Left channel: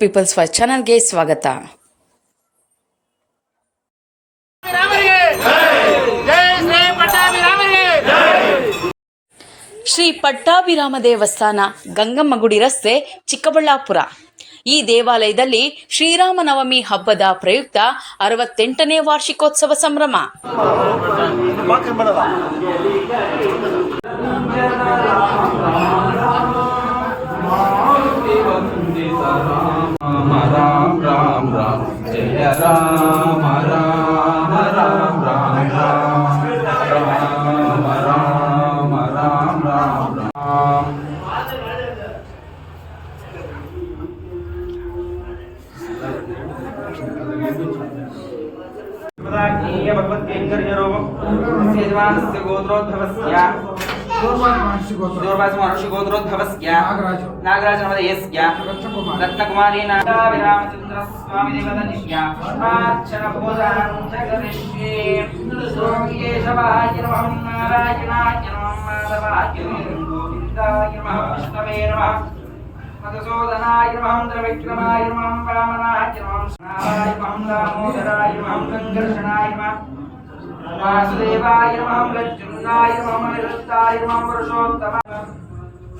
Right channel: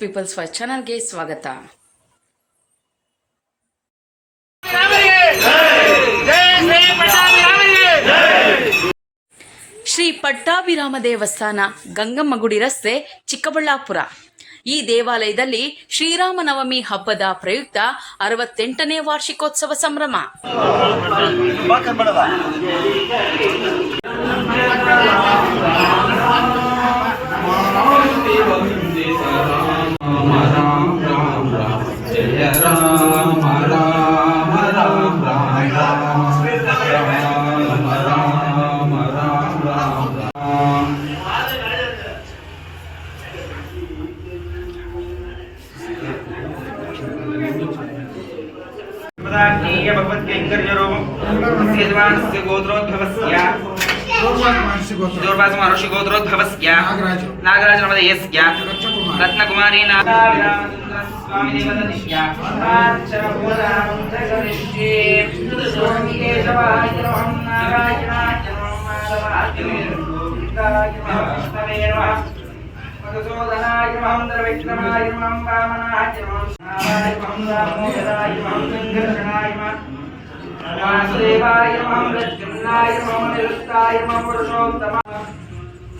People's first ಚಾನಲ್ಗೆ ಸ್ವಾಗತ. ಶ್ರೀ ಪಟ್ಟಾಭಿರಾಮ ದೇವಸ್ಥಾನ, ಗಂಗಮ್ಮಗುಡಿ ರಸ್ತೆ, ಚಿಕ್ಕಬಳ್ಳಾಪುರ. ಈ ದೇವಾಲಯದಲ್ಲಿ ಶ್ರೀರಾಮನವಮಿ ಹಬ್ಬದ ಪ್ರಯುಕ್ತ 68ನೇ ವಾರ್ಷಿಕೋತ್ಸವ ಸಂಭ್ರಮ. गोत्रोद्भवस्य नागराज नवदयस्य रत्नकुमारी स्वामी देवदनिष्य मधुसूदनाय नमः द्रविक्रमाय नमः वामनाय नमः नाराय नमः दामोदराय नमः संकर्षणाय नमः वासुदेवाय नमः प्रद्युम्नाय नमः निरुक्ताय नमः पुरुषोत्तमाय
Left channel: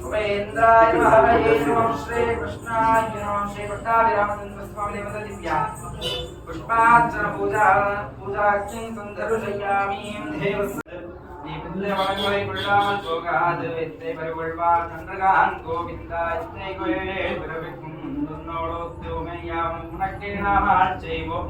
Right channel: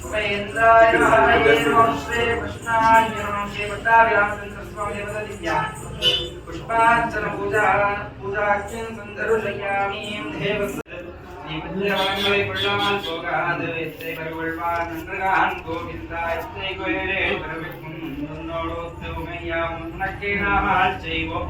उपेन्द्राय नमः हरये नमः श्री कृष्णाय नमः श्री पट्टाभिरामचन्द्र स्वामी देवददिव्या पुष्पार्चन पूजाख्यं सन्दर्शयामि देवस्य पुण्यवान्वै कुल्लामल भोगाद इत्ते परवल्वार नंदगान गोविंदा इत्ते कोयले परविकुं नोडोत्तो मय्याम नक्के नामाल चैवो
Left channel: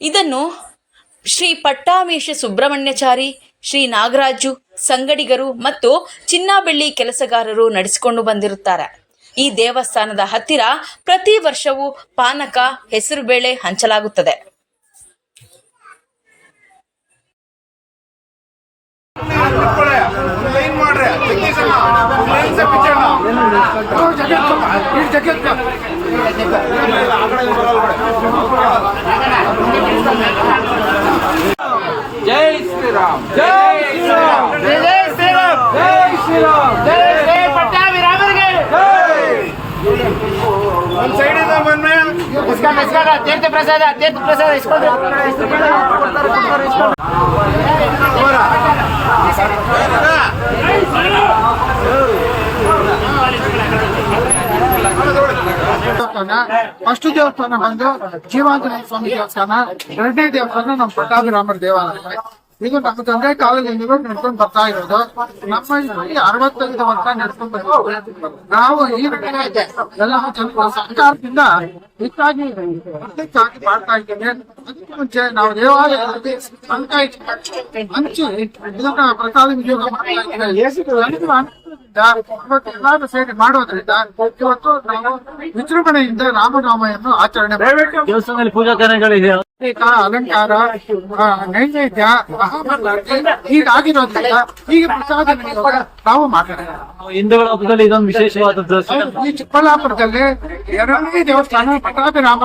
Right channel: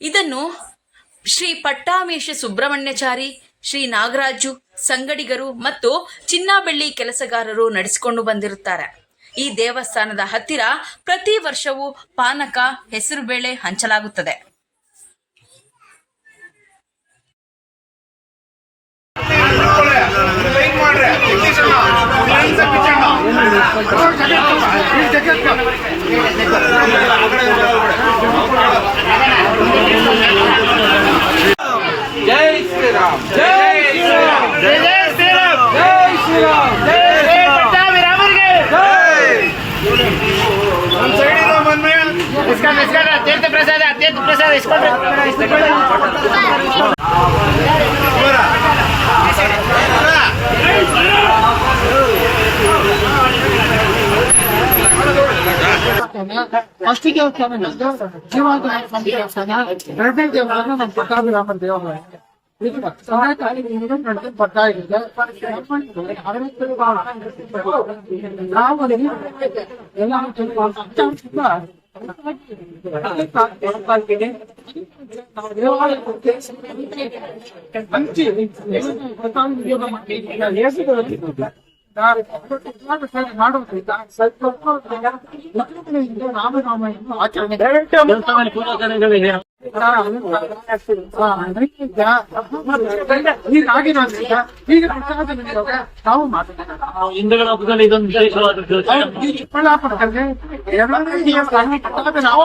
ಇದನ್ನು ಶ್ರೀ ಪಟ್ಟಾಮೇಶ ಸುಬ್ರಹ್ಮಣ್ಯಾಚಾರಿ, ಶ್ರೀ ನಾಗರಾಜು, ಸಂಗಡಿಗರು ಮತ್ತು ಚಿನ್ನ ಬೆಳ್ಳಿ ಕೆಲಸಗಾರರು ನಡೆಸಿಕೊಂಡು ಬಂದಿರುತ್ತಾರೆ. ಈ ದೇವಸ್ಥಾನದ ಹತ್ತಿರ ಪ್ರತಿ ವರ್ಷವೂ ಪಾನಕ, ಹೆಸರುಬೇಳೆ ಹಂಚಲಾಗುತ್ತದೆ. जय श्री राम, जय श्री राम, जय श्री राम, जय श्री राम, जय श्री पट्टाभिरामರಿಗೆ जय. हम साइड इधर मन में इसका तीर्थ प्रसाद इसको ಫಸ್ಟ್ ದೇವಸ್ಥಾನ ಬಂದು ಜೀವಾಂಜನೇಯ ಸ್ವಾಮಿ ದೇವಸ್ಥಾನ, ಎರಡನೇ ದೇವಸ್ಥಾನ ನಮ್ಮ ಪಟ್ಟಾಭಿರಾಮರ ದೇವಾಲಯ. ಇದು ನಮ್ಮ ತಂದೆ ಕಾಲದಿಂದ ನಡ್ಕೊಂಡು ಬರ್ತಾ ಇರೋದು. ನಮ್ಮ ಇಲ್ಲಿ 65 ವರ್ಷ ನಡ್ಕೊಂಡು ಬಂದಿದ್ದೀವಿ. ನಾವು ಈ ಎಲ್ಲ ಸರ್ಕಾರದಿಂದ ಹೆಚ್ಚಾಗಿ ಮಾಡ್ತಾ ಇದ್ದೀವಿ. ಅದಕ್ಕೆ ಮುಂಚೆ ನಾವು ದೇವಾಲಯದಲ್ಲಿ ಹಂಚಿ ಇದನ್ನ ಪ್ರಸಾದ ವಿನಿಯೋಗ ಮಾಡ್ತಾ ಇದ್ದೀವಿ. ಎಲ್ಲರೂ ಸೇರಿ ಮಾಡೋದ್ರಿಂದ ಇವತ್ತು ನಾವು ವಿಜೃಂಭಣೆಯಿಂದ ರಾಮನಾಮವನ್ನು ಆಚರಣೆ ದೇವಸ್ಥಾನದಲ್ಲಿ ಪೂಜಾ ಕಾರ್ಯಗಳಿದೆ, ಅಲಂಕಾರ, ನೈವೇದ್ಯ, ಹೀಗಾಗಿರೋದ್ರಿಂದ ಈಗ ಪ್ರಸಾದ ವಿನಿಯೋಗ ನಾವು ಮಾತಾಡೋಣ. ಹಿಂದೂಗಳ ಹಬ್ಬದಲ್ಲಿ ಇದೊಂದು ವಿಶೇಷವಾದದ್ದು. ಈ ಚಿಕ್ಕಬಳ್ಳಾಪುರದಲ್ಲಿ ಎರಡನೇ ದೇವಸ್ಥಾನ ಪಟ್ಟಾಭಿರಾಮ